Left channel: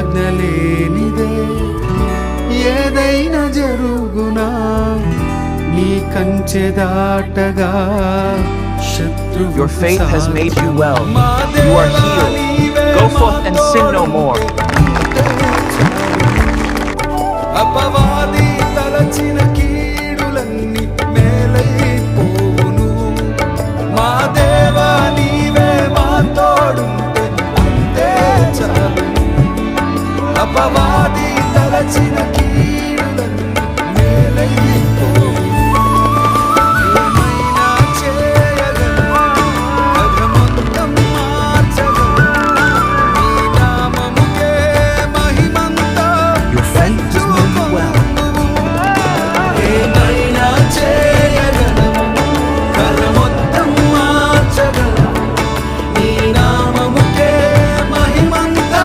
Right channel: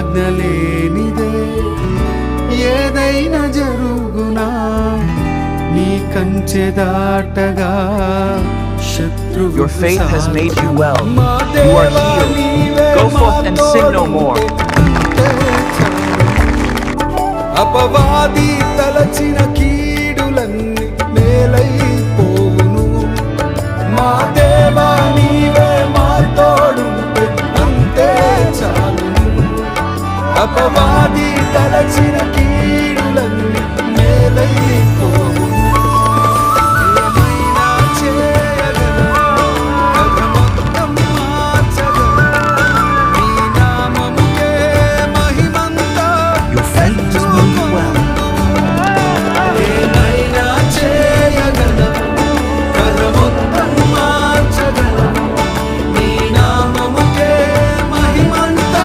ఆజ్ఞ లేనిదే ఏదైనా జరుగునా నీ కంచె దాటగా శత్రువు Your faith has made you well. You are healed. Go forth and sin no more. అపవాది తలచిన కీడులన్నీ మేలైపోవును. మా దేవా నీవే మా తోడుంటే అంతే చాలును. అపవాది